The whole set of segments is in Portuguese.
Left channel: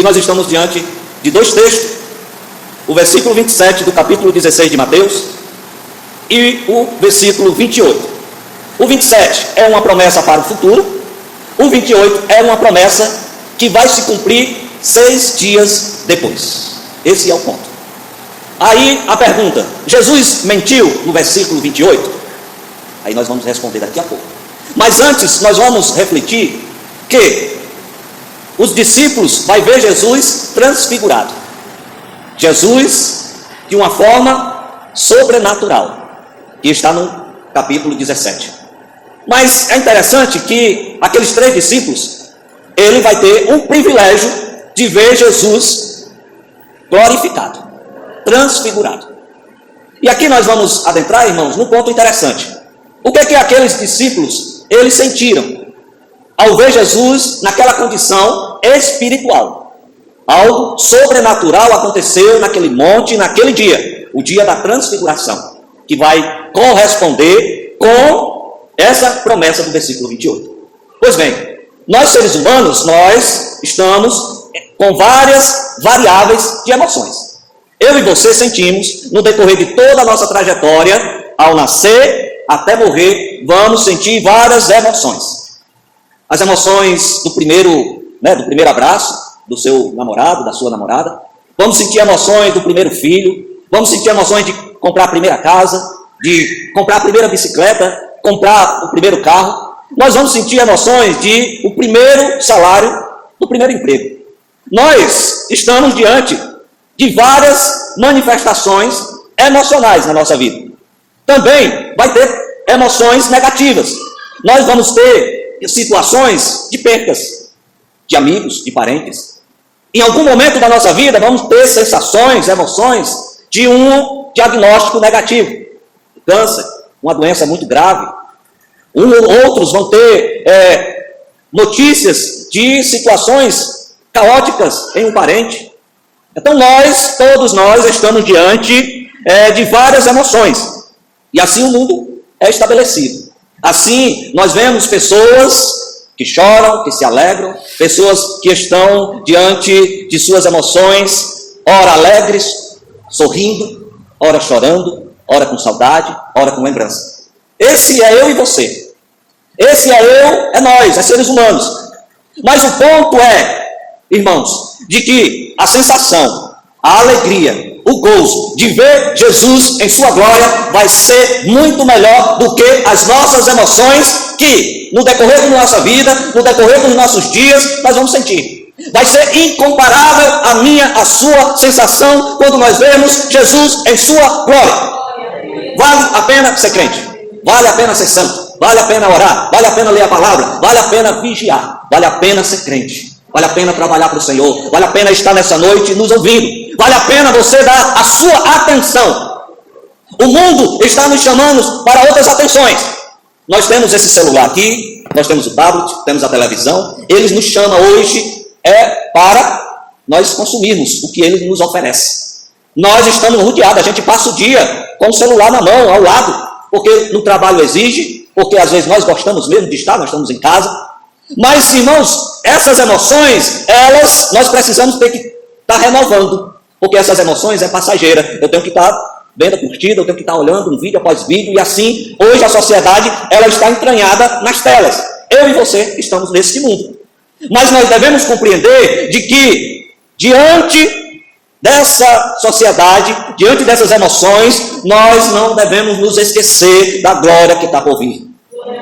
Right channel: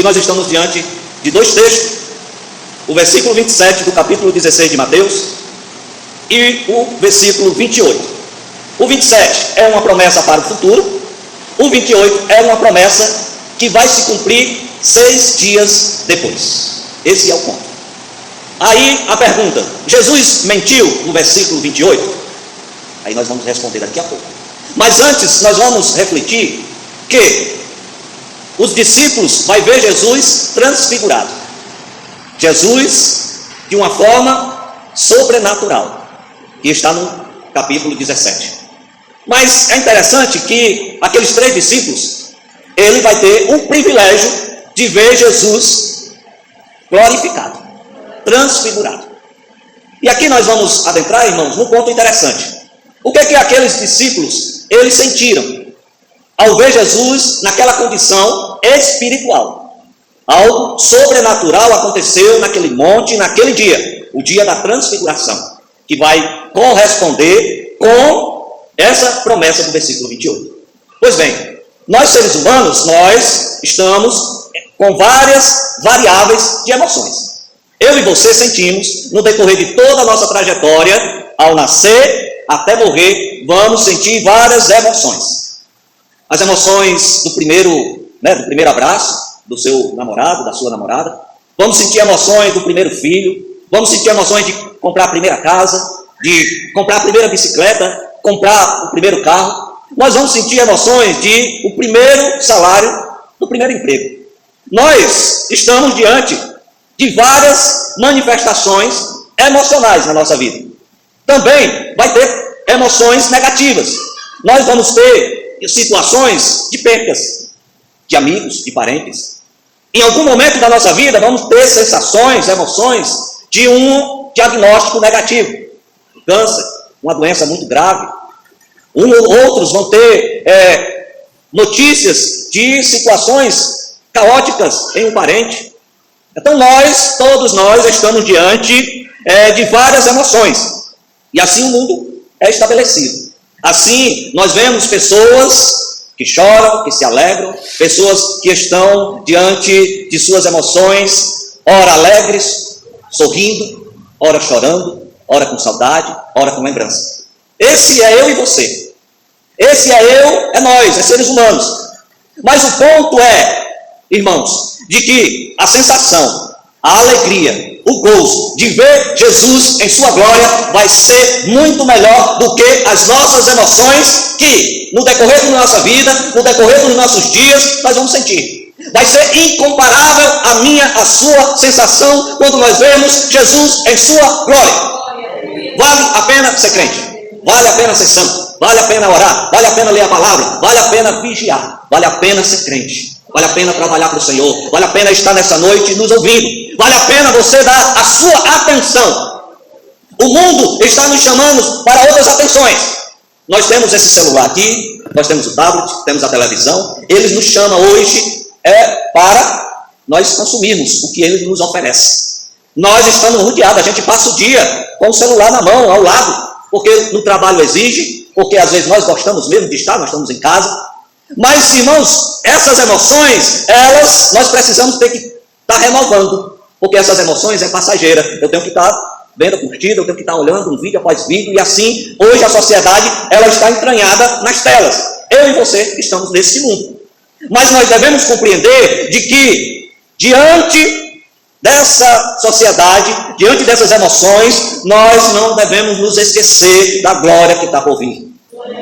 que nós estamos diante de dois textos, o versículo 27 do capítulo 16 de Mateus e o versículo 28. O 27 é uma promessa para o futuro, o 28 é uma promessa que vai se cumprir 6 dias depois. Esse é o ponto. Aí a pergunta: Jesus mentiu no versículo 28? Aí nós vamos responder daqui a pouco. Mas antes nós vamos refletir que os discípulos vão ver Jesus transfigurado. Jesus de uma forma sobrenatural, que está no capítulo 17. Mas é interessante que aqueles 3 discípulos, ele vai ter um privilégio de ver Jesus glorificado, transfigurado. E aqui nós vamos adentrar, irmãos, num ponto interessante. O que aqueles discípulos, eles sentiram ao ver Jesus naquela condição espiritual? Algo sobrenatural aconteceu naquele monte, naquele dia, o dia da transfiguração, que vai corresponder com essa promessa do versículo 28. Pois bem, nós seres humanos, nós estamos com várias variáveis de emoções. Eu e você sentimos, no decorrer de toda a nossa trajetória, ao nascer até morrer, vamos sentir várias emoções. As emoções do primeiro abraço, do seu namorado, da sua namorada. Vamos sentir emoções do primeiro filho. Vamos sentir emoções de comprar a primeira casa, de comprar a primeira bicicleta, comprar o primeiro carro. Nós vamos sentir emoções de o primeiro salário, do primeiro emprego. Nós estamos diante de várias manifestações emocionais na nossa vida. Também vai ter emoções negativas. Nós vamos ter situações de percas de amigos, de parentes. Em algum momento da nossa vida vamos ter sensações, emoções de um diagnóstico negativo. Câncer, uma doença muito grave. Outros vão ter notícias de situações caóticas em um parente. Então todos nós estamos diante de várias emoções. E assim o mundo é estabelecido. Assim nós vemos pessoas que choram, que se alegram, pessoas que estão diante de suas emoções, ora alegres, sorrindo, ora chorando, ora com saudade, ora com lembrança. Esse é eu e você. Esse é eu, é nós, é seres humanos. Mas o ponto é, irmãos, de que a sensação, a alegria, o gozo de ver Jesus em sua glória vai ser muito melhor do que as nossas emoções que no decorrer da nossa vida, no decorrer dos nossos dias, nós vamos sentir. Vai ser incomparável a sua sensação quando nós vemos Jesus em sua glória. Vale a pena ser crente, vale a pena ser santo, vale a pena orar, vale a pena ler a palavra, vale a pena vigiar, vale a pena ser crente, vale a pena trabalhar para o Senhor, vale a pena estar nessa noite nos ouvindo, vale a pena você dar a sua atenção. O mundo está nos chamando para outras atenções. Nós temos esse celular aqui, nós temos o tablet, temos a televisão. Eles nos chamam hoje para nós consumirmos o que eles nos oferecem. Nós estamos rodeados, a gente passa o dia com o celular na mão, ao lado, porque no trabalho exige, porque às vezes nós gostamos mesmo de estar, nós estamos em casa. Mas, irmãos, essas emoções, nós precisamos ter que estar renovando, porque essas emoções é passageira. Eu tenho que estar vendo a curtida, eu tenho que estar olhando um vídeo após vídeo, e assim, hoje a sociedade, ela está entranhada nas telas. Eu e você estamos nesse mundo. Mas nós devemos compreender de que, diante dessa sociedade, diante dessas emoções, nós não devemos nos esquecer da glória que está por vir.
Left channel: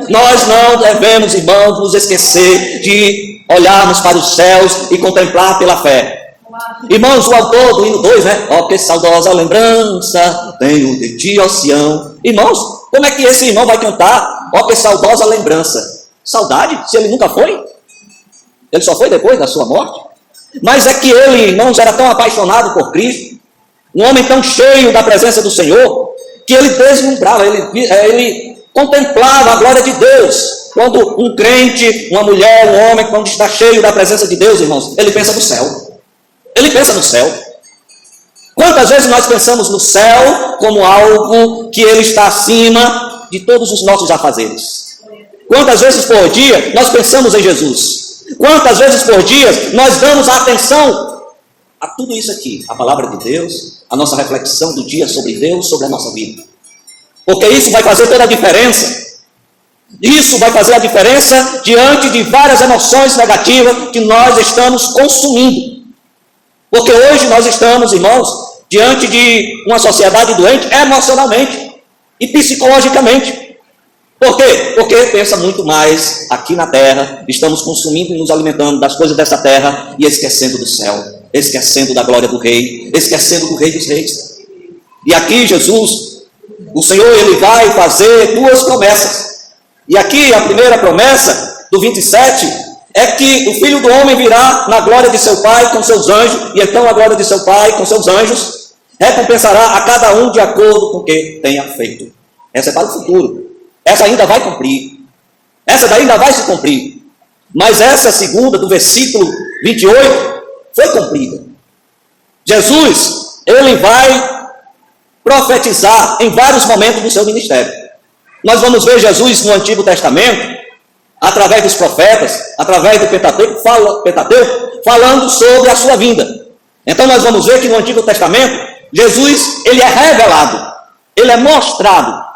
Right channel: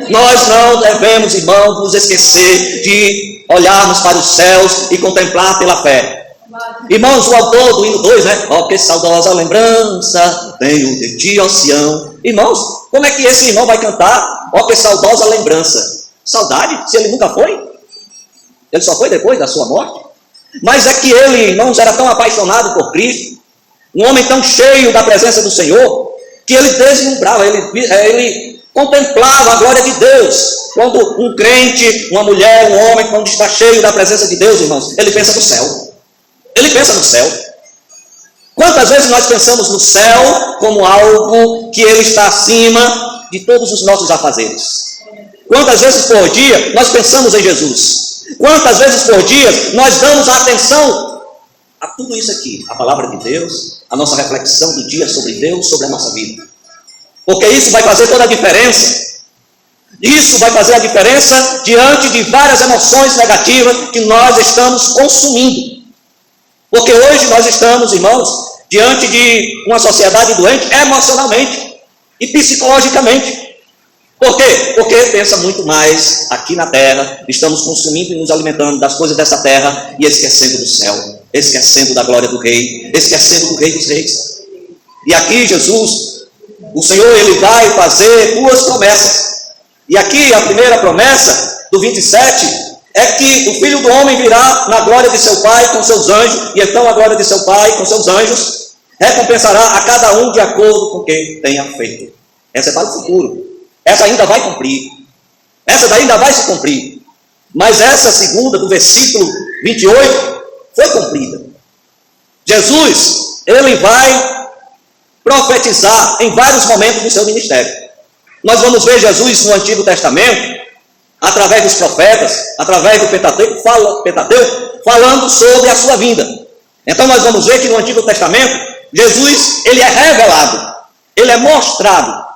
Nós não devemos, irmãos, nos esquecer de olharmos para os céus e contemplar pela fé. Irmãos, o autor do hino 2, ó, que saudosa lembrança tenho de ti, ó Sião. Irmãos, como é que esse irmão vai cantar, ó, que saudosa lembrança? Saudade? Se ele nunca foi? Ele só foi depois da sua morte? Mas é que ele, irmãos, era tão apaixonado por Cristo, um homem tão cheio da presença do Senhor, que ele deslumbrava, ele contemplava a glória de Deus. Quando um crente, uma mulher, um homem, quando está cheio da presença de Deus, irmãos, ele pensa no céu. Ele pensa no céu. Quantas vezes nós pensamos no céu como algo que ele está acima de todos os nossos afazeres? Quantas vezes por dia nós pensamos em Jesus? Quantas vezes por dia nós damos a atenção a tudo isso aqui, a palavra de Deus, a nossa reflexão do dia sobre Deus, sobre a nossa vida. Porque isso vai fazer toda a diferença. Isso vai fazer a diferença diante de várias emoções negativas que nós estamos consumindo. Porque hoje nós estamos, irmãos, diante de uma sociedade doente emocionalmente e psicologicamente. Por quê? Porque pensa muito mais aqui na terra, estamos consumindo e nos alimentando das coisas dessa terra e esquecendo do céu, esquecendo da glória do Rei, esquecendo do Rei dos Reis. E aqui Jesus, o Senhor, Ele vai fazer duas promessas. E aqui a primeira promessa, do 27, é que o Filho do Homem virá na glória de seu Pai com seus anjos, e então a glória de seu Pai com seus anjos recompensará a cada um de acordo com o que tenha feito. Essa é para o futuro. Essa ainda vai cumprir. Essa daí ainda vai se cumprir. Mas essa segunda, do versículo 28, foi cumprida. Jesus, Ele vai profetizar em vários momentos do seu ministério. Nós vamos ver Jesus no Antigo Testamento, através dos profetas, através do Pentateuco, falando sobre a sua vinda. Então nós vamos ver que no Antigo Testamento, Jesus, ele é revelado, ele é mostrado.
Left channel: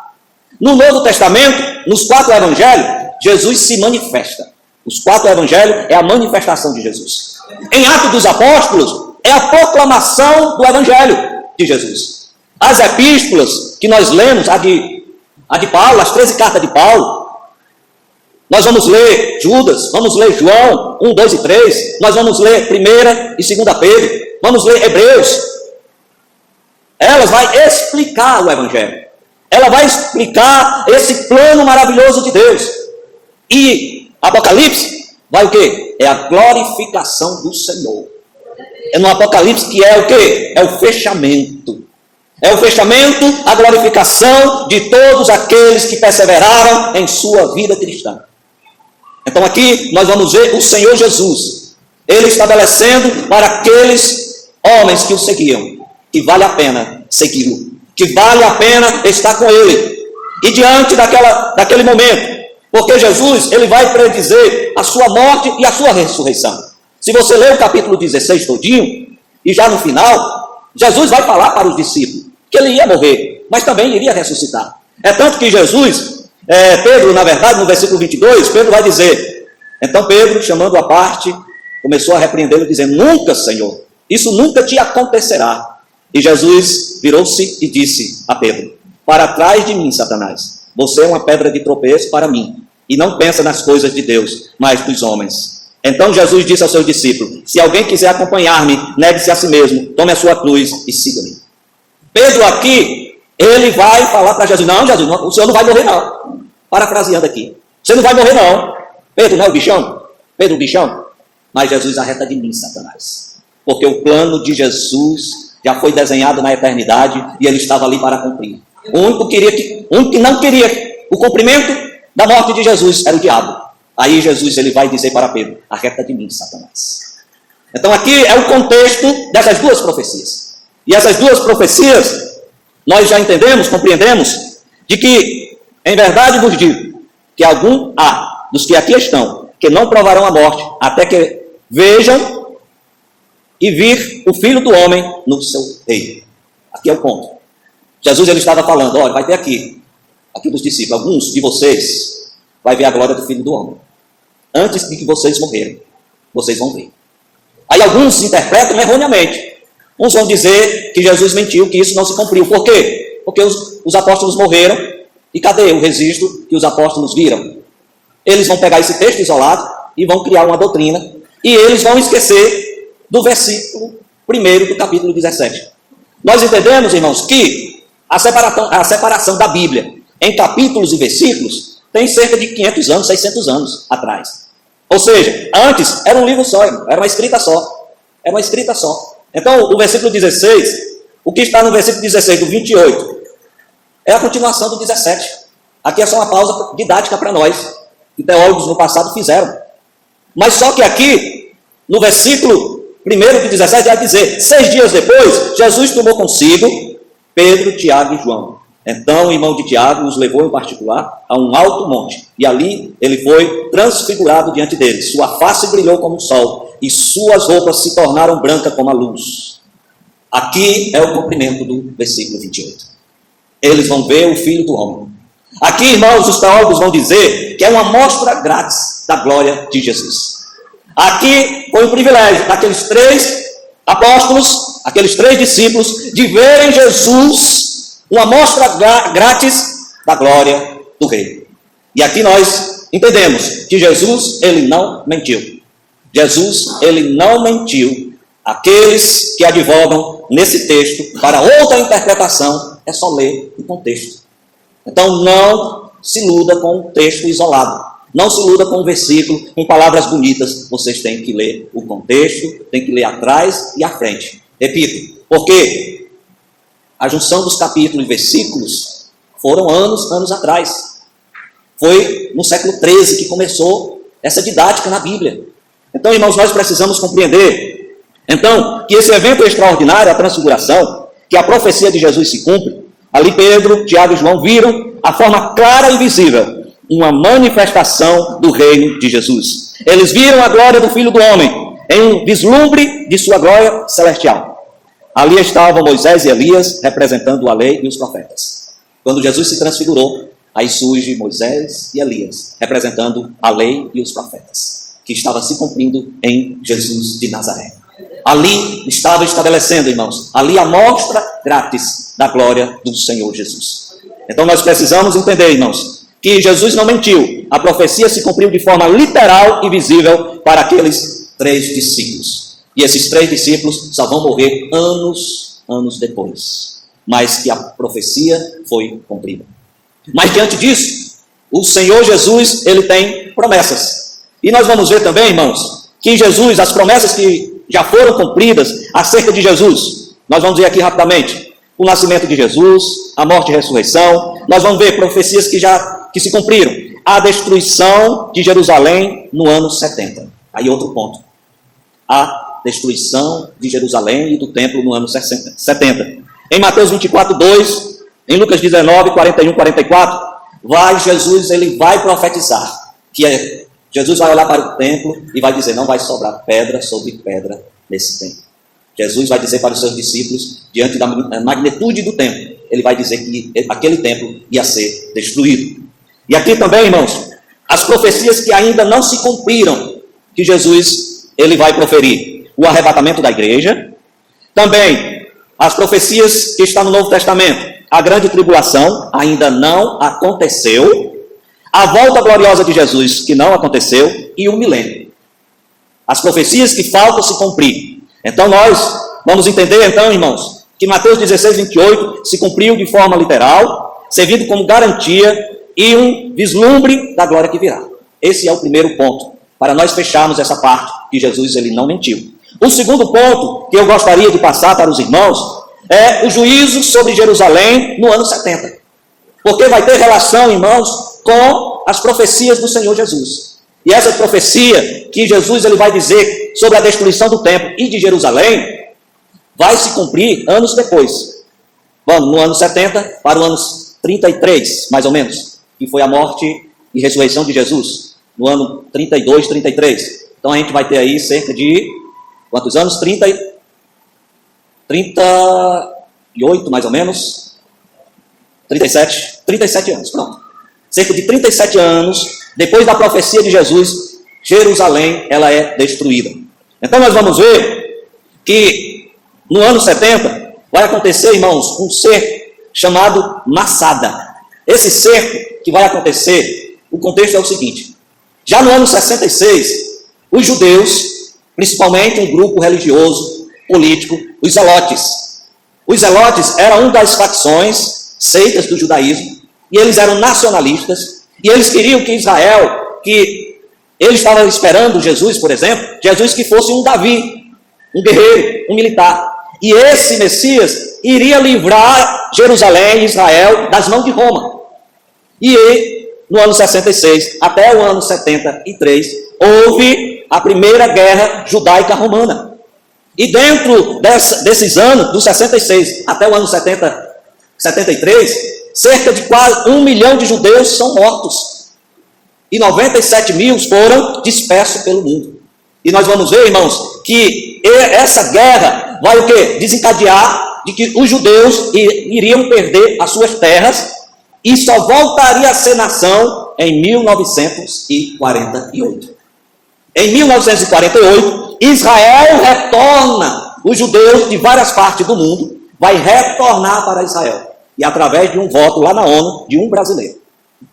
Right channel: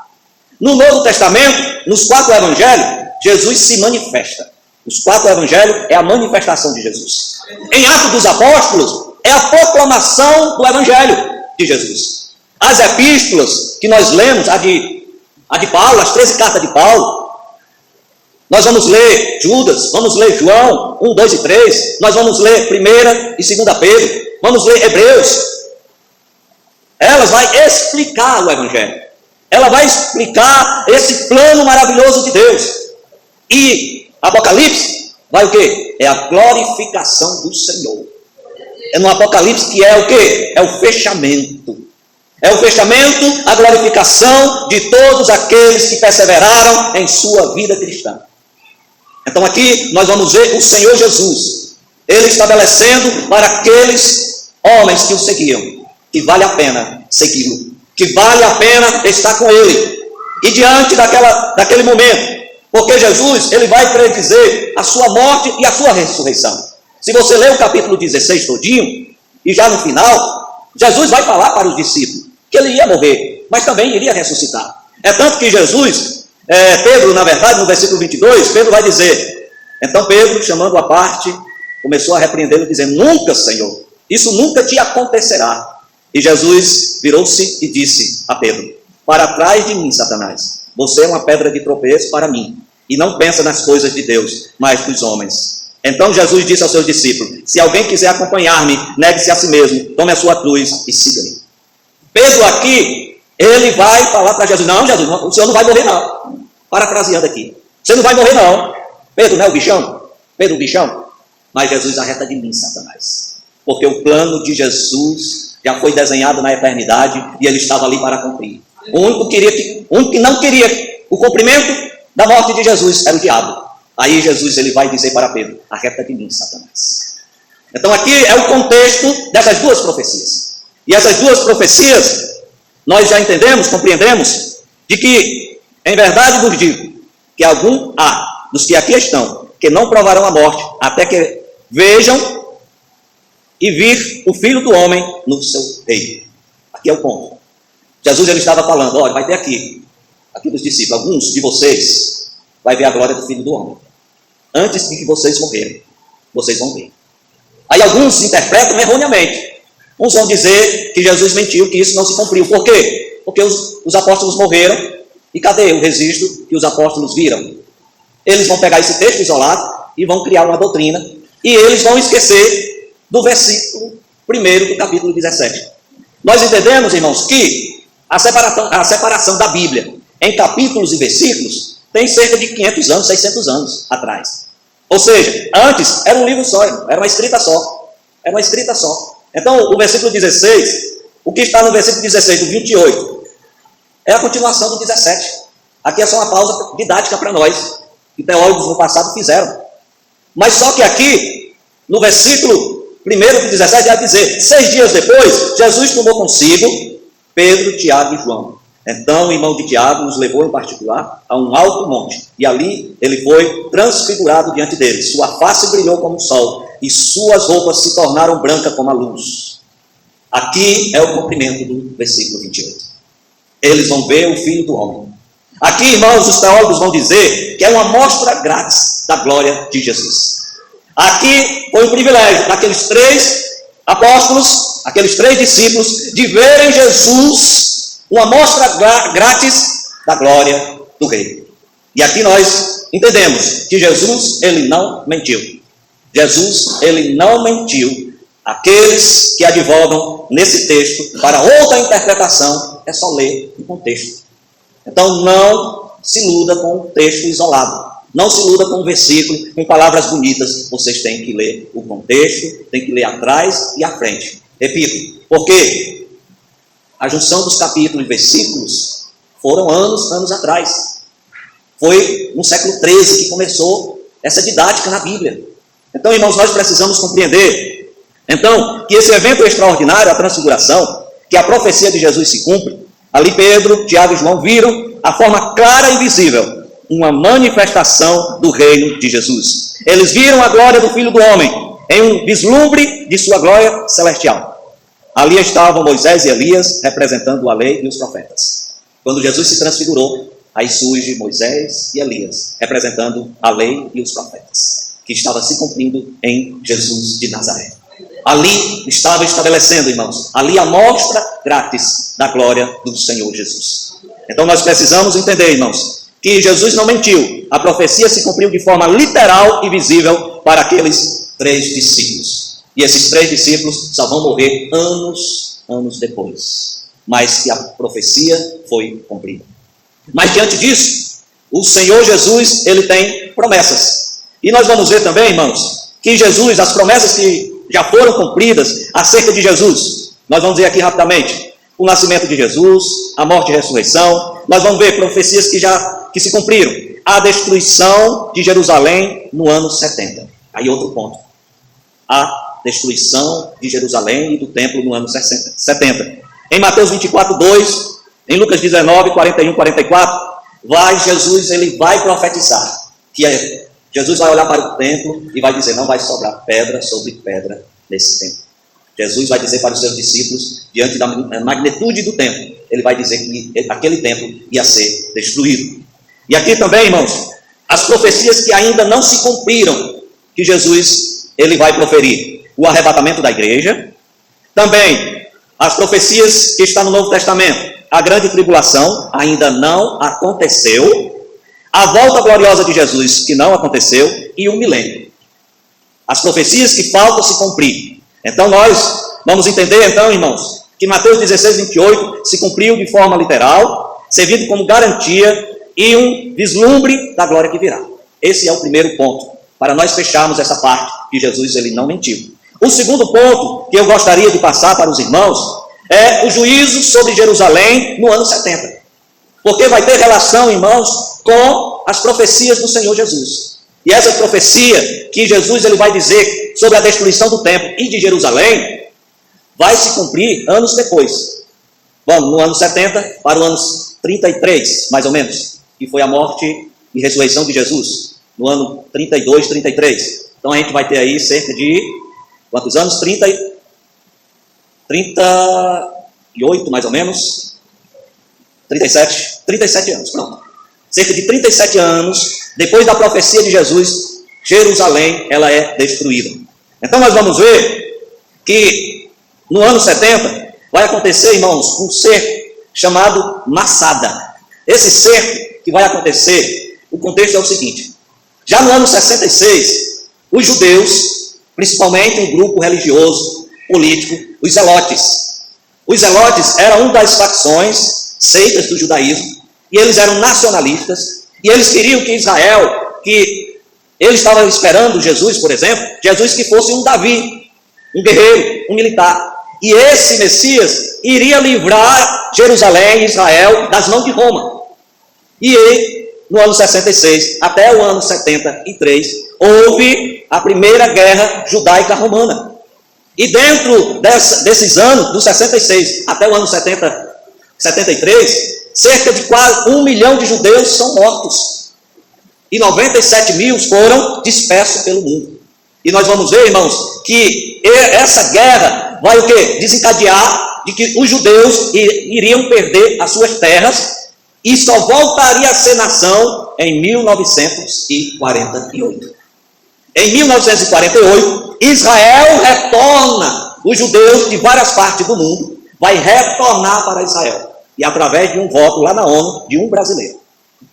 No Novo Testamento, nos 4 evangelhos, Jesus se manifesta. Os 4 evangelhos é a manifestação de Jesus. Em Atos dos Apóstolos, é a proclamação do evangelho de Jesus. As epístolas que nós lemos, a de Paulo, as 13 cartas de Paulo, nós vamos ler Judas, vamos ler João 1, 2 e 3, nós vamos ler 1 e 2 Pedro, vamos ler Hebreus. Elas vão explicar o evangelho. Ela vai explicar esse plano maravilhoso de Deus. E Apocalipse vai o quê? É a glorificação do Senhor. É no Apocalipse que é o quê? É o fechamento. É o fechamento, a glorificação de todos aqueles que perseveraram em sua vida cristã. Então aqui nós vamos ver o Senhor Jesus, Ele estabelecendo para aqueles homens que o seguiam, que vale a pena segui-lo, que vale a pena estar com Ele. E diante daquele momento, porque Jesus, Ele vai predizer a sua morte e a sua ressurreição. Se você ler o capítulo 16 todinho, e já no final, Jesus vai falar para os discípulos que Ele ia morrer, mas também iria ressuscitar. É tanto que Jesus, Pedro, na verdade, no versículo 22, Pedro vai dizer, então Pedro, chamando à parte, começou a repreendê-lo, dizendo, nunca, Senhor, isso nunca te acontecerá. E Jesus virou-se e disse a Pedro, para trás de mim, Satanás, você é uma pedra de tropeço para mim, e não pensa nas coisas de Deus, mas dos homens. Então Jesus disse aos seus discípulos, se alguém quiser acompanhar-me, negue-se a si mesmo, tome a sua cruz e siga-me. Pedro aqui, ele vai falar para Jesus, não, Jesus, o senhor não vai morrer não. Parafraseando aqui, você não vai morrer não. Pedro não é o bichão? Pedro o bichão? Mas Jesus arreta de mim, Satanás. Porque o plano de Jesus já foi desenhado na eternidade e ele estava ali para cumprir. O único que não queria o cumprimento da morte de Jesus era o diabo. Aí Jesus ele vai dizer para Pedro, arreta de mim, Satanás. Então aqui é o contexto dessas duas profecias. E essas duas profecias, nós já entendemos, compreendemos, de que, em verdade vos digo, que algum há dos que aqui estão, que não provarão a morte, até que vejam e vir o Filho do Homem no seu reino. Aqui é o ponto. Jesus ele estava falando, olha, vai ter aqui dos discípulos, alguns de vocês, vai ver a glória do Filho do Homem. Antes de que vocês morrerem, vocês vão ver. Aí alguns interpretam erroneamente. Uns vão dizer que Jesus mentiu, que isso não se cumpriu. Por quê? Porque os apóstolos morreram, e cadê o registro que os apóstolos viram? Eles vão pegar esse texto isolado e vão criar uma doutrina, e eles vão esquecer do versículo 1 do capítulo 17. Nós entendemos, irmãos, que a separação da Bíblia em capítulos e versículos tem cerca de 500 anos, 600 anos atrás. Ou seja, antes era um livro só, era uma escrita só. Era uma escrita só. Então, o versículo 16, o que está no versículo 16 do 28, é a continuação do 17. Aqui é só uma pausa didática para nós, que teólogos no passado fizeram. Mas só que aqui, no versículo 1 do 17, vai dizer, 6 dias depois, Jesus tomou consigo Pedro, Tiago e João, Então o irmão de Tiago nos levou em particular a um alto monte, e ali ele foi transfigurado diante dele. Sua face brilhou como o sol, e suas roupas se tornaram brancas como a luz. Aqui é o cumprimento do versículo 28. Eles vão ver o Filho do Homem. Aqui, irmãos, os teólogos vão dizer que é uma amostra grátis da glória de Jesus. Aqui foi o privilégio daqueles 3 apóstolos, aqueles 3 discípulos, de verem Jesus, uma amostra grátis da glória do Rei. E aqui nós entendemos que Jesus, ele não mentiu. Jesus, ele não mentiu. Aqueles que advogam nesse texto para outra interpretação, é só ler o contexto. Então não se iluda com o texto isolado. Não se iluda com o versículo, com palavras bonitas. Vocês têm que ler o contexto, têm que ler atrás e à frente. Repito, porque a junção dos capítulos e versículos foram anos atrás. Foi no século XIII que começou essa didática na Bíblia. Então, irmãos, nós precisamos compreender então que esse evento extraordinário, a transfiguração, que a profecia de Jesus se cumpre. Ali Pedro, Tiago e João viram a forma clara e visível, uma manifestação do reino de Jesus. Eles viram a glória do Filho do Homem, em um vislumbre de sua glória celestial. Ali estavam Moisés e Elias, representando a lei e os profetas. Quando Jesus se transfigurou, aí surge Moisés e Elias, representando a lei e os profetas, que estava se cumprindo em Jesus de Nazaré. Ali estava estabelecendo, irmãos, ali a mostra grátis da glória do Senhor Jesus. Então nós precisamos entender, irmãos, que Jesus não mentiu. A profecia se cumpriu de forma literal e visível para aqueles 3 discípulos. E esses 3 discípulos só vão morrer anos depois. Mas que a profecia foi cumprida. Mas diante disso, o Senhor Jesus, ele tem promessas. E nós vamos ver também, irmãos, que Jesus, as promessas que já foram cumpridas acerca de Jesus. Nós vamos ver aqui rapidamente o nascimento de Jesus, a morte e a ressurreição. Nós vamos ver profecias que se cumpriram. A destruição de Jerusalém no ano 70. Aí outro ponto. A destruição de Jerusalém e do templo no ano 70. Em Mateus 24, 2, em Lucas 19, 41, 44, Jesus ele vai profetizar, que Jesus vai olhar para o templo e vai dizer, não vai sobrar pedra sobre pedra nesse templo. Jesus vai dizer para os seus discípulos, diante da magnitude do templo, ele vai dizer que aquele templo ia ser destruído. E aqui também, irmãos, as profecias que ainda não se cumpriram, que Jesus ele vai proferir. O arrebatamento da igreja, também as profecias que estão no Novo Testamento. A grande tribulação ainda não aconteceu. A volta gloriosa de Jesus, que não aconteceu, e o milênio. As profecias que faltam se cumprir. Então nós vamos entender, então, irmãos, que Mateus 16, 28 se cumpriu de forma literal, servindo como garantia e um vislumbre da glória que virá. Esse é o primeiro ponto, para nós fecharmos essa parte, que Jesus ele não mentiu. O segundo ponto que eu gostaria de passar para os irmãos é o juízo sobre Jerusalém no ano 70. Porque vai ter relação, irmãos, com as profecias do Senhor Jesus. E essa profecia que Jesus ele vai dizer sobre a destruição do templo e de Jerusalém, vai se cumprir anos depois. Vamos, no ano 70 para o ano 33, mais ou menos, que foi a morte e ressurreição de Jesus. No ano 32, 33. Então a gente vai ter aí cerca de, quantos anos? 38, mais ou menos. 37 anos, pronto. Cerca de 37 anos, depois da profecia de Jesus, Jerusalém, ela é destruída. Então nós vamos ver que no ano 70 vai acontecer, irmãos, um cerco chamado Massada. Esse cerco que vai acontecer, o contexto é o seguinte. Já no ano 66, os judeus, principalmente um grupo religioso, político, os zelotes. Os zelotes eram uma das facções, seitas do judaísmo, e eles eram nacionalistas, e eles queriam que Israel, que eles estavam esperando Jesus, por exemplo, Jesus que fosse um Davi, um guerreiro, um militar. E esse Messias iria livrar Jerusalém e Israel das mãos de Roma. E ele, no ano 66 até o ano 73, houve a primeira guerra judaica romana. E dentro desses anos, do 66 até o ano 73, cerca de quase 1 milhão de judeus são mortos. E 97 mil foram dispersos pelo mundo. E nós vamos ver, irmãos, que essa guerra vai o quê? Desencadear de que os judeus iriam perder as suas terras e só voltaria a ser nação em 1948. Em 1948, Israel retorna, os judeus de várias partes do mundo vai retornar para Israel. E através de um voto lá na ONU, de um brasileiro.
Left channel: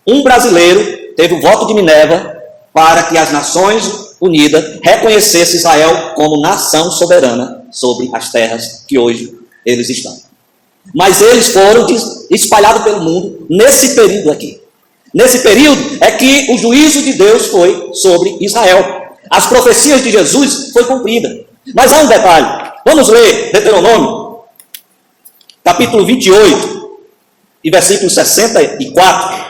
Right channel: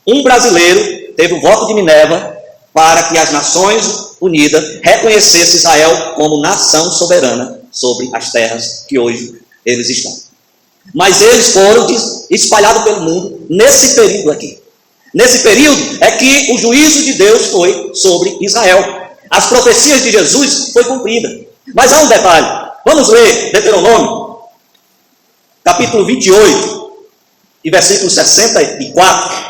Um brasileiro teve o voto de Minerva para que as Nações Unidas reconhecessem Israel como nação soberana sobre as terras que hoje eles estão. Mas eles foram espalhados pelo mundo nesse período aqui. Nesse período é que o juízo de Deus foi sobre Israel. As profecias de Jesus foi cumprida. Mas há um detalhe. Vamos ler Deuteronômio, capítulo 28, e versículo 64,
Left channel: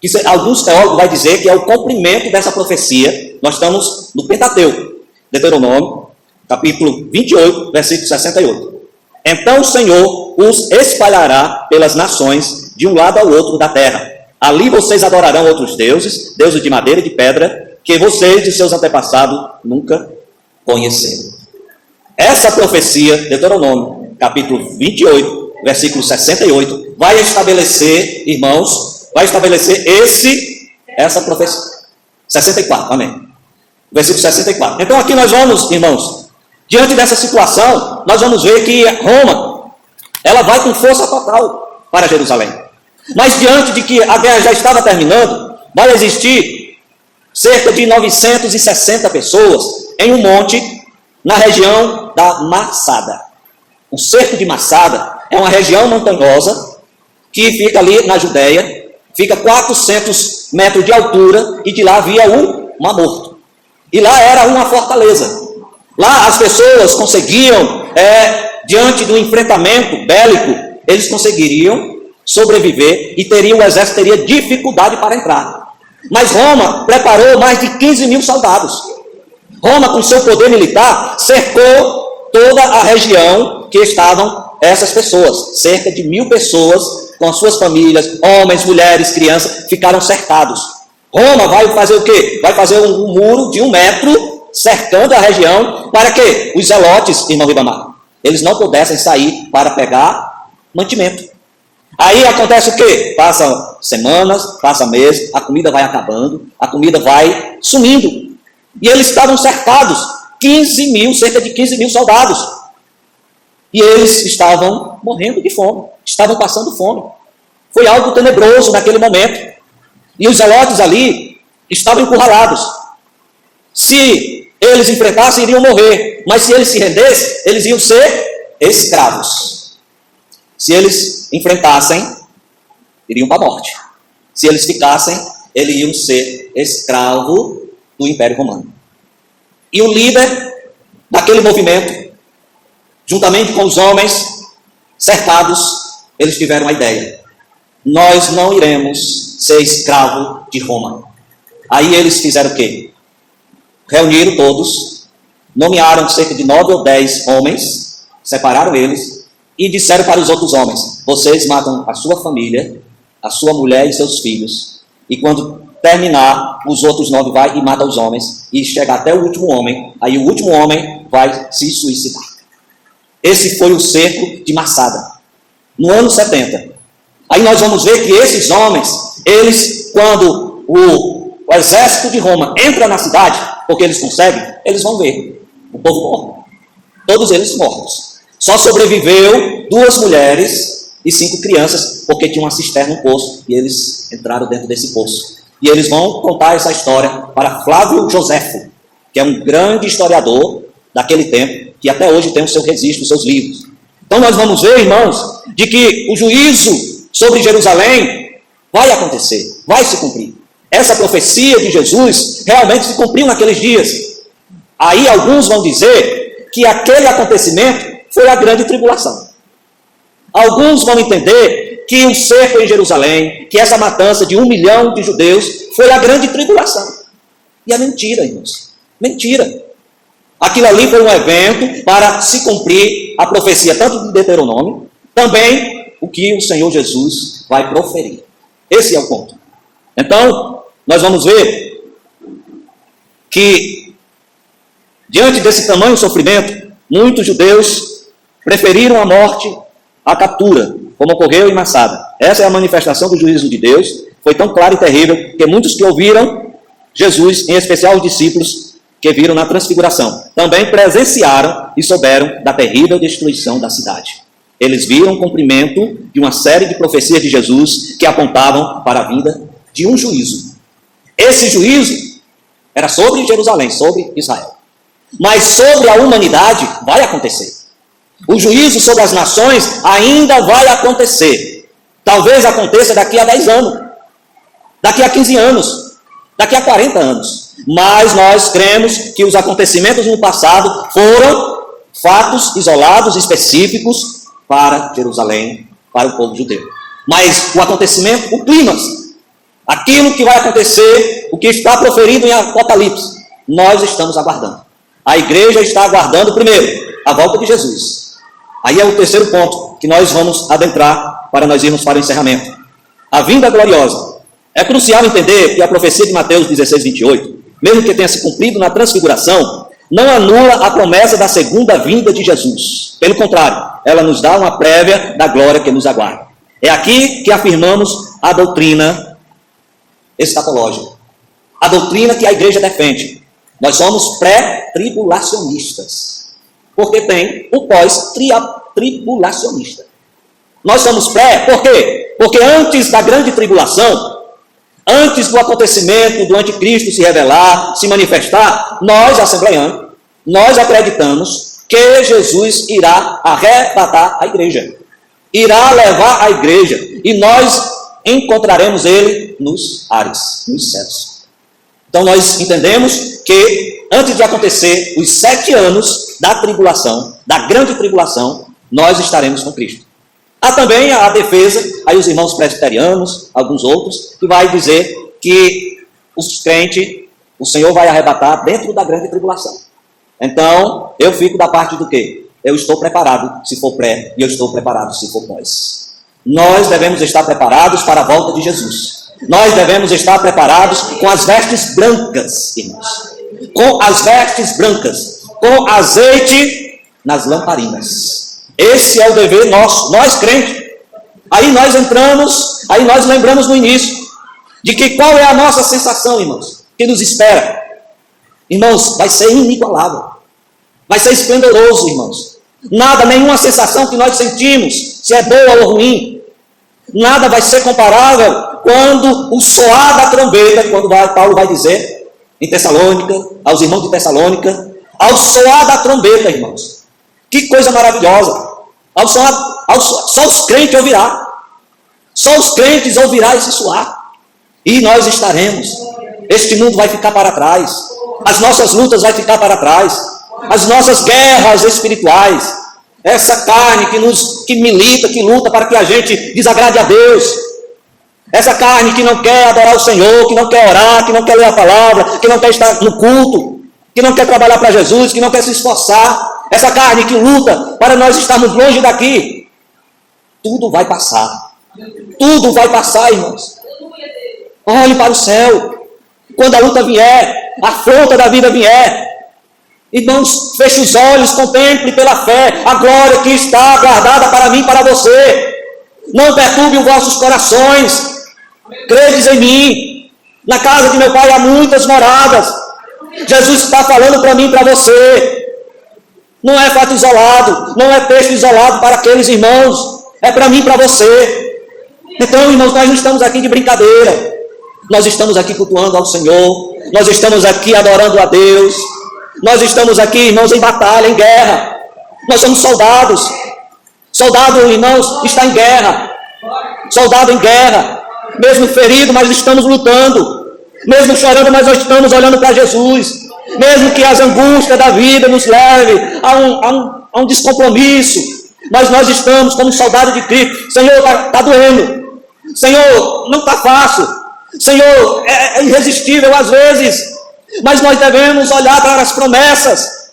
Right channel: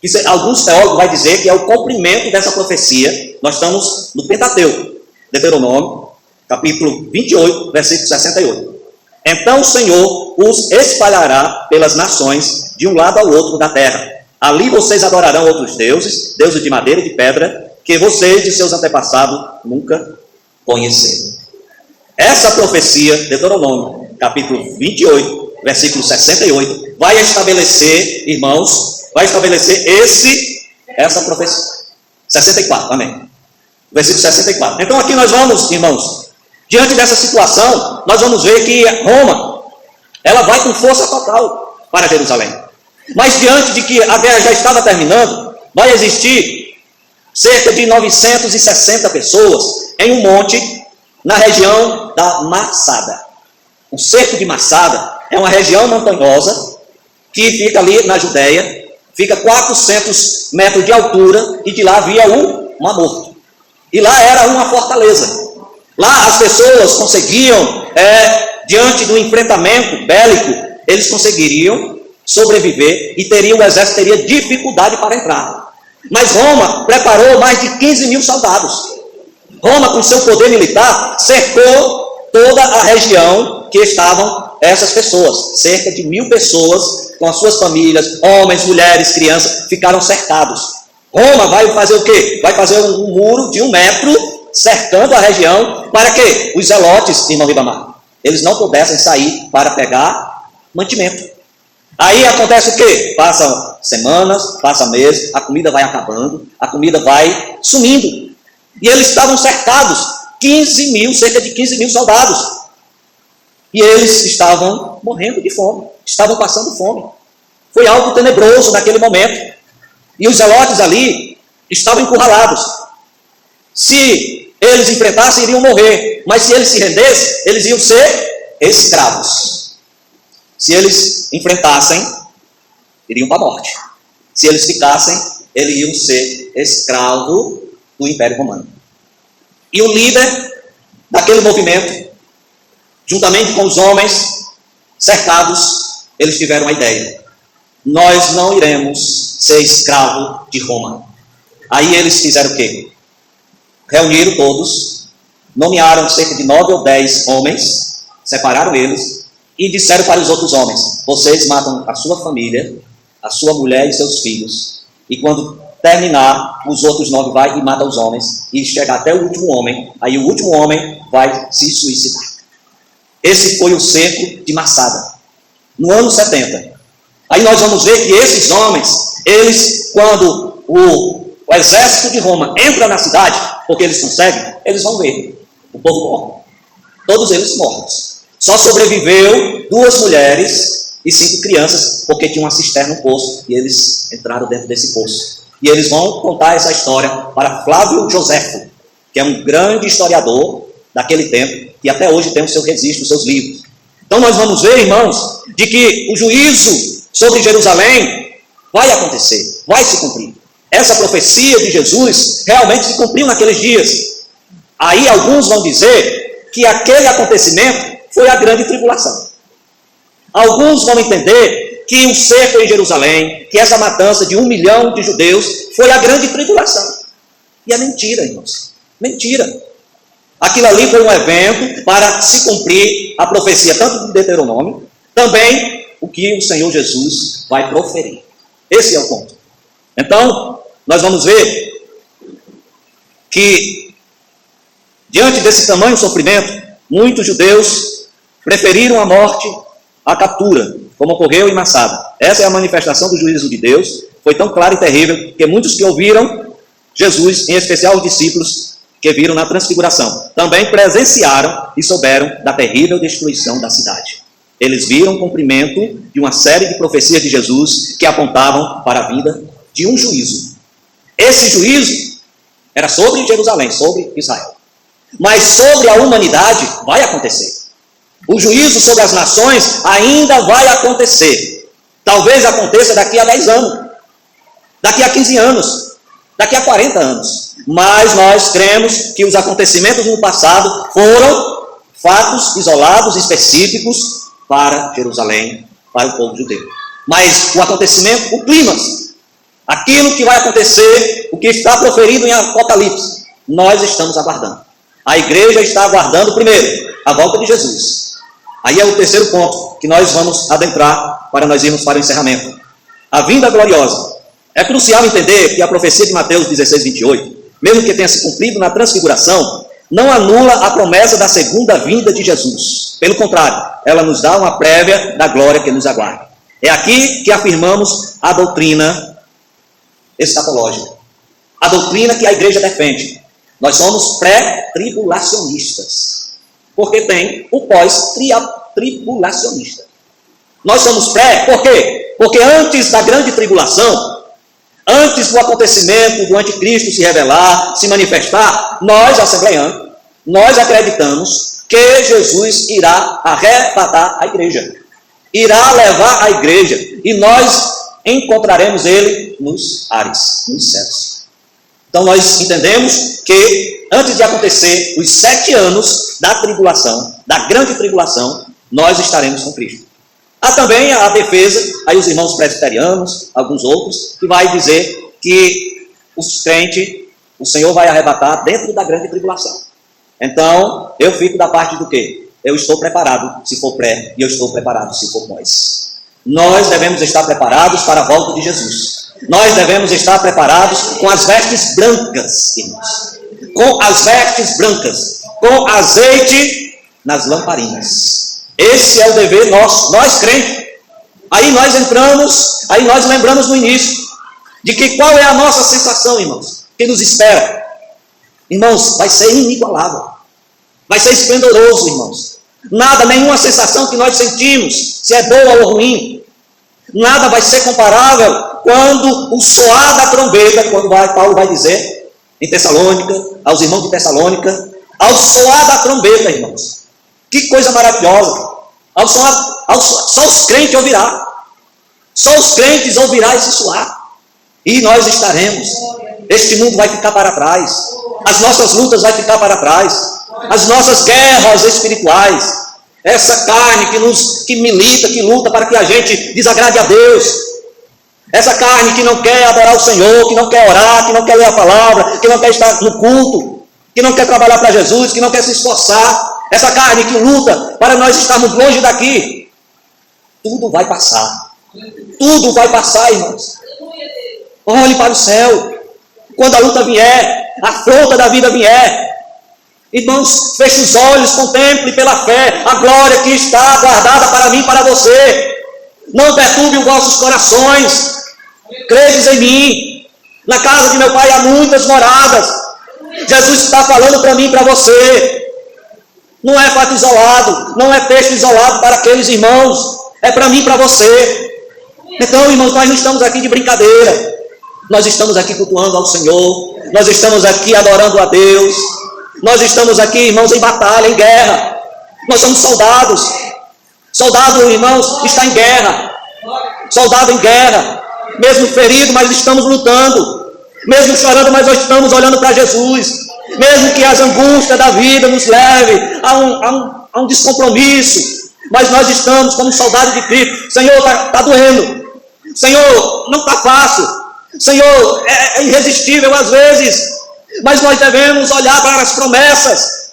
que alguns teólogos vão dizer que é o cumprimento dessa profecia. Nós estamos no Pentateuco. Deuteronômio, capítulo 28, versículo 68. Então o Senhor os espalhará pelas nações, de um lado ao outro da terra. Ali vocês adorarão outros deuses, deuses de madeira e de pedra, que vocês e seus antepassados nunca conheceram. Essa profecia, Deuteronômio, capítulo 28, versículo 68, vai estabelecer, irmãos, essa profecia. 64, amém. Versículo 64. Então aqui nós vamos, irmãos, diante dessa situação, nós vamos ver que Roma, ela vai com força total para Jerusalém. Mas diante de que a guerra já estava terminando, vai existir cerca de 960 pessoas em um monte na região da Massada. O cerco de Massada é uma região montanhosa que fica ali na Judéia, fica 400 metros de altura e de lá havia o Mar Morto. E lá era uma fortaleza. Lá as pessoas conseguiam, diante do enfrentamento bélico, eles conseguiriam sobreviver e o exército teria dificuldade para entrar. Mas Roma preparou mais de 15 mil soldados. Roma, com seu poder militar, cercou toda a região que estavam essas pessoas. Cerca de 1.000 pessoas, com as suas famílias, homens, mulheres, crianças, ficaram cercados. Roma vai fazer o quê? Vai fazer um muro de 1 metro, cercando a região, para que os zelotes, irmão Ribamar, eles não pudessem sair para pegar mantimento. Aí acontece o quê? Passam semanas, passam meses, a comida vai acabando, a comida vai sumindo. E eles estavam cercados, cerca de 15 mil soldados. E eles estavam morrendo de fome, estavam passando fome. Foi algo tenebroso naquele momento. E os zelotes ali estavam encurralados. Se eles enfrentassem, iriam morrer. Mas se eles se rendessem, eles iam ser escravos. Se eles enfrentassem, iriam para a morte. Se eles ficassem, eles iam ser escravos do Império Romano. E o líder daquele movimento, juntamente com os homens cercados, eles tiveram a ideia: nós não iremos ser escravos de Roma. Aí eles fizeram o quê? Reuniram todos, nomearam cerca de 9 ou 10 homens, separaram eles, e disseram para os outros homens: vocês matam a sua família, a sua mulher e seus filhos, e quando terminar, os outros 9 vai e mata os homens, e chega até o último homem, aí o último homem vai se suicidar. Esse foi o cerco de Massada, no ano 70. Aí nós vamos ver que esses homens, eles, quando o exército de Roma entra na cidade, porque eles conseguem, eles vão ver o povo morre, todos eles mortos. Só sobreviveu 2 mulheres e 5 crianças, porque tinha uma cisterna no poço, e eles entraram dentro desse poço. E eles vão contar essa história para Flávio Joséfo, que é um grande historiador daquele tempo, que até hoje tem o seu registro, os seus livros. Então nós vamos ver, irmãos, de que o juízo sobre Jerusalém vai acontecer, vai se cumprir. Essa profecia de Jesus realmente se cumpriu naqueles dias. Aí alguns vão dizer que aquele acontecimento foi a grande tribulação. Alguns vão entender que o cerco em Jerusalém, que essa matança de 1 milhão de judeus, foi a grande tribulação. E é mentira, irmãos. Mentira. Aquilo ali foi um evento para se cumprir a profecia tanto de Deuteronômio, também o que o Senhor Jesus vai proferir. Esse é o ponto. Então, nós vamos ver que, diante desse tamanho sofrimento, muitos judeus preferiram a morte à captura, como ocorreu em Massada. Essa é a manifestação do juízo de Deus. Foi tão claro e terrível que muitos que ouviram Jesus, em especial os discípulos que viram na transfiguração, também presenciaram e souberam da terrível destruição da cidade. Eles viram o cumprimento de uma série de profecias de Jesus que apontavam para a vinda de um juízo. Esse juízo era sobre Jerusalém, sobre Israel. Mas sobre a humanidade vai acontecer. O juízo sobre as nações ainda vai acontecer. Talvez aconteça daqui a 10 anos, daqui a 15 anos, daqui a 40 anos. Mas nós cremos que os acontecimentos no passado foram fatos isolados, específicos para Jerusalém, para o povo judeu. Mas o acontecimento, o clímax, aquilo que vai acontecer, o que está proferido em Apocalipse, nós estamos aguardando. A igreja está aguardando, primeiro, a volta de Jesus. Aí é o terceiro ponto que nós vamos adentrar para nós irmos para o encerramento. A vinda gloriosa. É crucial entender que a profecia de Mateus 16, 28, mesmo que tenha se cumprido na transfiguração, não anula a promessa da segunda vinda de Jesus. Pelo contrário, ela nos dá uma prévia da glória que nos aguarda. É aqui que afirmamos a doutrina escatológica. A doutrina que a igreja defende. Nós somos pré-tribulacionistas. Porque tem o pós-tribulacionista. Nós somos pré, por quê? Porque antes da grande tribulação, antes do acontecimento do anticristo se revelar, se manifestar, nós, assembleianos, nós acreditamos que Jesus irá arrebatar a igreja. Irá levar a igreja. E nós encontraremos ele nos ares, nos céus. Então nós entendemos que antes de acontecer os 7 anos da tribulação, da grande tribulação, nós estaremos com Cristo. Há também a defesa, aí os irmãos presbiterianos, alguns outros, que vai dizer que os crentes, o Senhor vai arrebatar dentro da grande tribulação. Então, eu fico da parte do quê? Eu estou preparado se for pré, e eu estou preparado se for pós. Nós devemos estar preparados para a volta de Jesus. Nós devemos estar preparados com as vestes brancas, irmãos. Com as vestes brancas, com azeite nas lamparinas. Esse é o dever nosso, nós crentes. Aí nós entramos, aí nós lembramos no início, de que qual é a nossa sensação, irmãos, que nos espera. Irmãos, vai ser inigualável, vai ser esplendoroso, irmãos. Nada, nenhuma sensação que nós sentimos, se é boa ou ruim, nada vai ser comparável quando o soar da trombeta, quando Paulo vai dizer em Tessalônica, aos irmãos de Tessalônica, ao soar da trombeta, irmãos. Que coisa maravilhosa. Só os crentes ouvirá. Só os crentes ouvirá esse soar. E nós estaremos. Este mundo vai ficar para trás. As nossas lutas vão ficar para trás. As nossas guerras espirituais. Essa carne que milita, que luta para que a gente desagrade a Deus. Essa carne que não quer adorar o Senhor, que não quer orar, que não quer ler a palavra, que não quer estar no culto, que não quer trabalhar para Jesus, que não quer se esforçar. Essa carne que luta para nós estarmos longe daqui. Tudo vai passar. Tudo vai passar, irmãos. Olhe para o céu. Quando a luta vier, a afronta da vida vier, irmãos, feche os olhos, contemple pela fé a glória que está guardada para mim e para você. Não perturbe os vossos corações. Credes em mim. Na casa de meu Pai há muitas moradas. Jesus está falando para mim e para você. Não é fato isolado, não é texto isolado para aqueles irmãos, é para mim e para você. Então, irmãos, nós não estamos aqui de brincadeira, nós estamos aqui cultuando ao Senhor, nós estamos aqui adorando a Deus, nós estamos aqui, irmãos, em batalha, em guerra. Nós somos soldados. Soldado, irmãos, está em guerra. Soldado em guerra, mesmo ferido, mas estamos lutando, mesmo chorando, mas nós estamos olhando para Jesus. Mesmo que as angústias da vida nos leve a um descompromisso, mas nós estamos como soldado de Cristo. Senhor, está doendo. Senhor, não está fácil. Senhor, é irresistível às vezes, mas nós devemos olhar para as promessas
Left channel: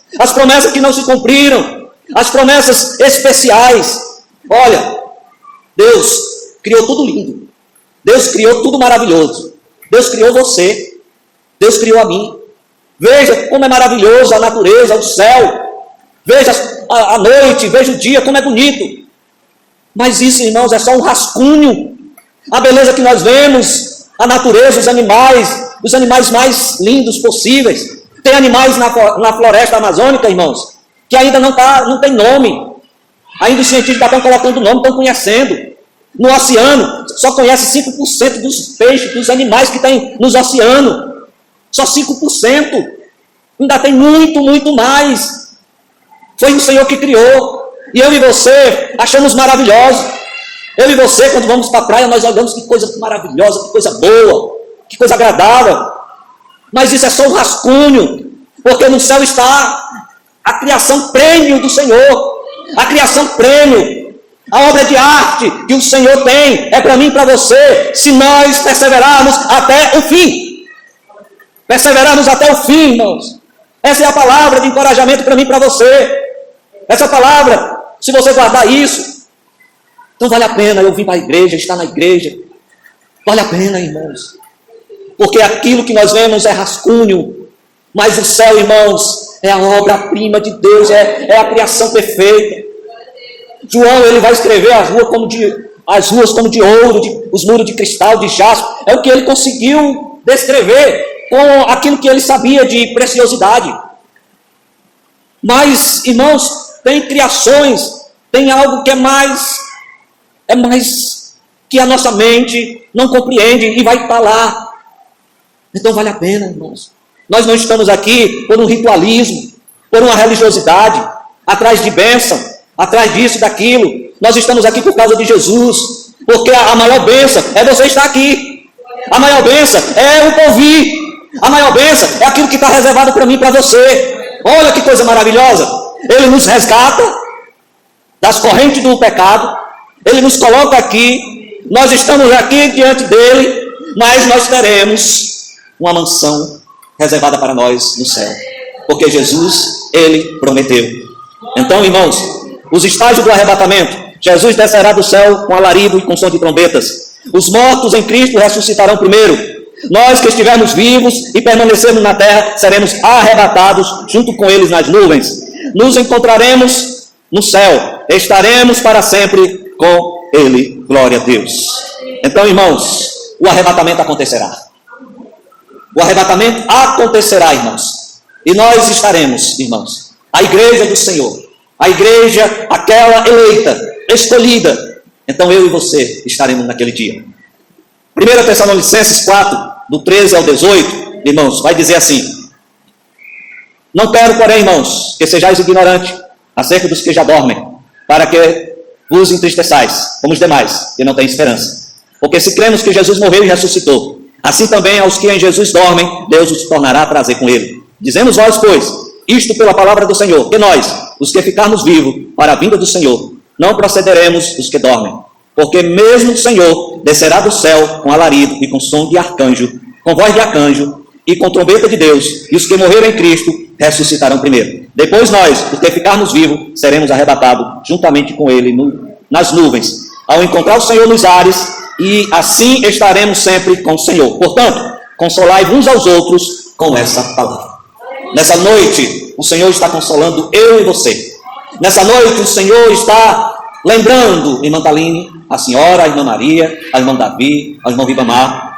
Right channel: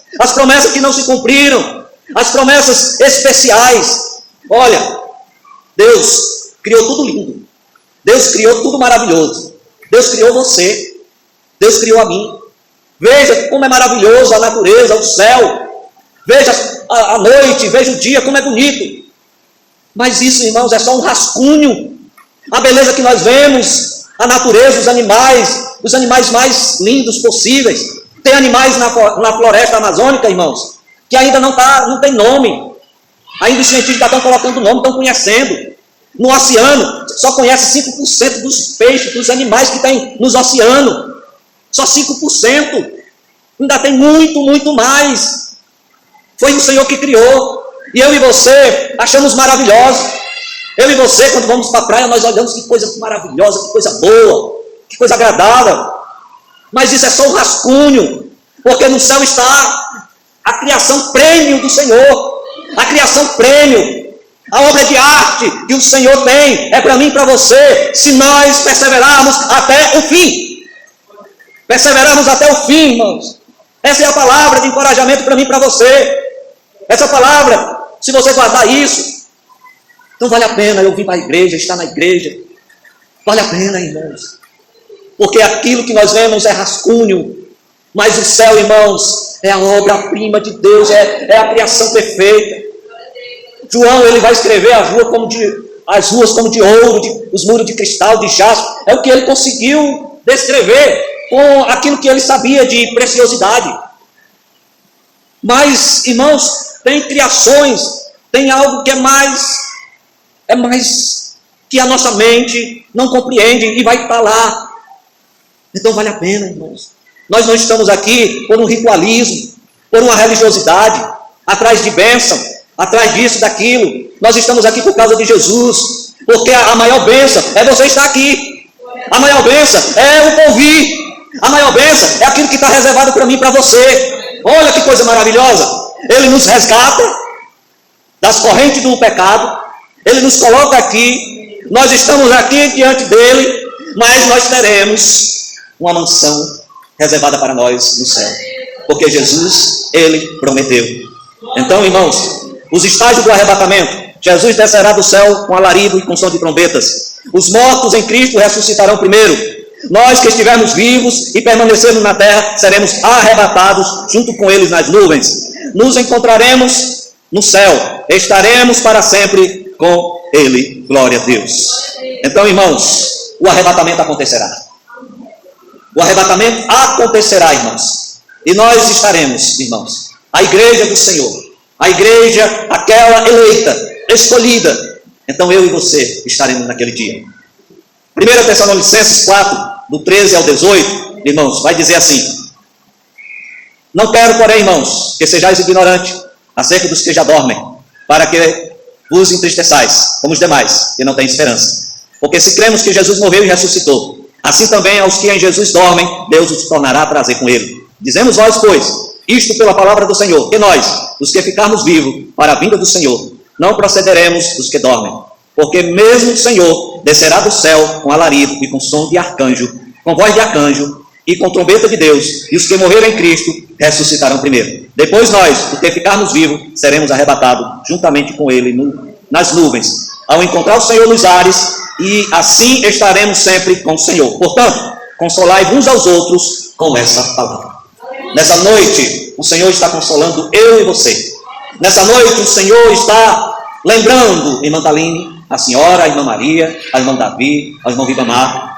que não se cumpriram, as promessas especiais. Olha, Deus criou tudo lindo. Deus criou tudo maravilhoso. Deus criou você. Deus criou a mim. Veja como é maravilhoso a natureza, o céu. Veja a noite, veja o dia, como é bonito. Mas isso, irmãos, é só um rascunho. A beleza que nós vemos, a natureza, os animais mais lindos possíveis. Tem animais na floresta amazônica, irmãos, que ainda não tem nome. Ainda os cientistas estão colocando nome, estão conhecendo. No oceano, só conhece 5% dos peixes, dos animais que tem nos oceanos. Só 5%. Ainda tem muito, muito mais. Foi o Senhor que criou. E eu e você achamos maravilhoso. Eu e você, quando vamos para a praia, nós olhamos que coisa maravilhosa, que coisa boa, que coisa agradável. Mas isso é só um rascunho, porque no céu está a criação prêmio do Senhor. A criação prêmio. A obra de arte que o Senhor tem é para mim e para você, se nós perseverarmos até o fim. Perseverarmos até o fim, irmãos. Essa é a palavra de encorajamento para mim e para você. Essa palavra, se você guardar isso, então vale a pena eu vir para a igreja, estar na igreja. Vale a pena, irmãos. Porque aquilo que nós vemos é rascunho, mas o céu, irmãos, é a obra-prima de Deus, é a criação perfeita. João, ele vai escrever as ruas como de ouro, os muros de cristal, de jaspe. É o que ele conseguiu descrever com aquilo que ele sabia de preciosidade. Mas, irmãos, tem criações, tem algo que é mais que a nossa mente não compreende e vai estar lá. Então vale a pena, irmãos. Nós não estamos aqui por um ritualismo, por uma religiosidade, atrás de bênção, atrás disso, daquilo. Nós estamos aqui por causa de Jesus, porque a maior bênção é você estar aqui. A maior bênção é o ouvir. A maior bênção é aquilo que está reservado para mim e para você. Olha que coisa maravilhosa. Ele nos resgata das correntes do pecado. Ele nos coloca aqui. Nós estamos aqui diante dele, mas nós teremos uma mansão reservada para nós no céu, porque Jesus, ele prometeu. Então, irmãos, os estágios do arrebatamento: Jesus descerá do céu com alarido e com som de trombetas. Os mortos em Cristo ressuscitarão primeiro. Nós que estivermos vivos e permanecermos na terra, seremos arrebatados junto com eles nas nuvens. Nos encontraremos no céu, estaremos para sempre com ele. Glória a Deus. Então, irmãos, o arrebatamento acontecerá. O arrebatamento acontecerá, irmãos. E nós estaremos, irmãos, a igreja do Senhor, a igreja, aquela eleita, escolhida. Então eu e você estaremos naquele dia. 1 Tessalonicenses 4, do 13 ao 18, irmãos, vai dizer assim: não quero, porém, irmãos, que sejais ignorantes acerca dos que já dormem, para que vos entristeçais, como os demais, que não têm esperança. Porque se cremos que Jesus morreu e ressuscitou, assim também aos que em Jesus dormem, Deus os tornará a trazer com ele. Dizemos nós, pois, isto pela palavra do Senhor, que nós, os que ficarmos vivos para a vinda do Senhor, não procederemos dos que dormem. Porque mesmo o Senhor descerá do céu com alarido e com som de arcanjo, com voz de arcanjo e com trombeta de Deus, e os que morreram em Cristo ressuscitarão primeiro. Depois nós, os que ficarmos vivos, seremos arrebatados juntamente com ele nas nuvens, ao encontrar o Senhor nos ares, e assim estaremos sempre com o Senhor. Portanto, consolai uns aos outros com essa palavra. Nessa noite, o Senhor está consolando eu e você. Nessa noite, o Senhor está lembrando, irmã Taline, a senhora, a irmã Maria, a irmã Davi, a irmã Ribamar,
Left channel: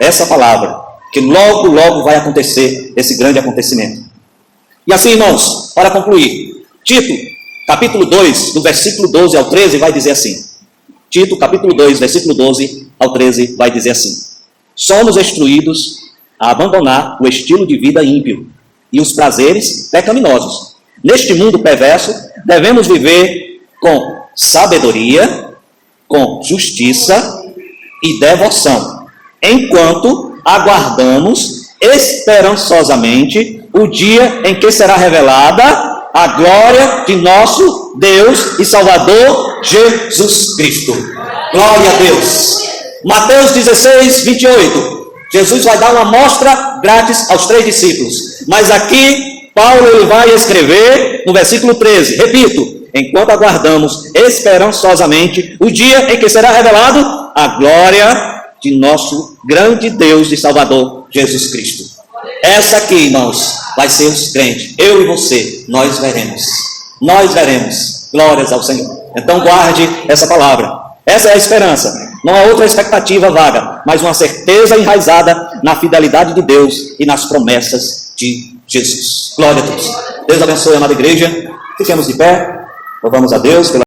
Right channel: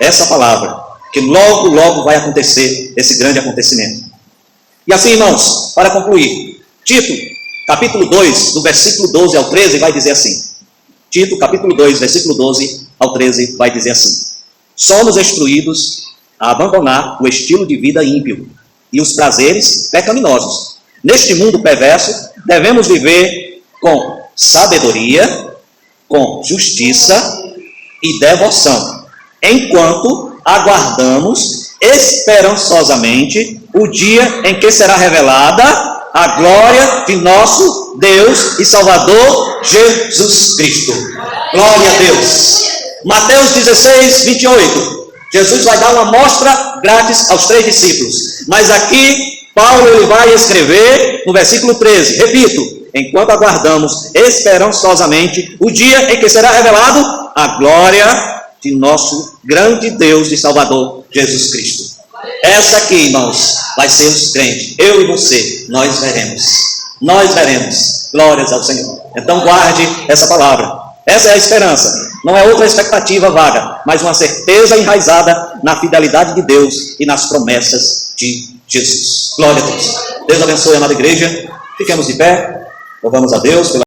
essa palavra, que logo, logo vai acontecer esse grande acontecimento. E assim, irmãos, para concluir, Tito, capítulo 2, do versículo 12 ao 13, vai dizer assim. Tito, capítulo 2, versículo 12 ao 13, vai dizer assim: somos instruídos a abandonar o estilo de vida ímpio e os prazeres pecaminosos. Neste mundo perverso, devemos viver com sabedoria, com justiça e devoção, enquanto aguardamos esperançosamente o dia em que será revelada a glória de nosso Deus e Salvador Jesus Cristo. Glória a Deus. Mateus 16, 28. Jesus vai dar uma amostra grátis aos 3 discípulos. Mas aqui, Paulo ele vai escrever no versículo 13. Repito, enquanto aguardamos esperançosamente o dia em que será revelado a glória de nosso grande Deus e Salvador, Jesus Cristo. Essa aqui, irmãos, vai ser os crentes. Eu e você, nós veremos. Nós veremos. Glórias ao Senhor. Então guarde essa palavra. Essa é a esperança. Não é outra expectativa vaga, mas uma certeza enraizada na fidelidade de Deus e nas promessas de Jesus. Glória a Deus. Deus abençoe a amada igreja. Fiquemos de pé. Louvamos a Deus pela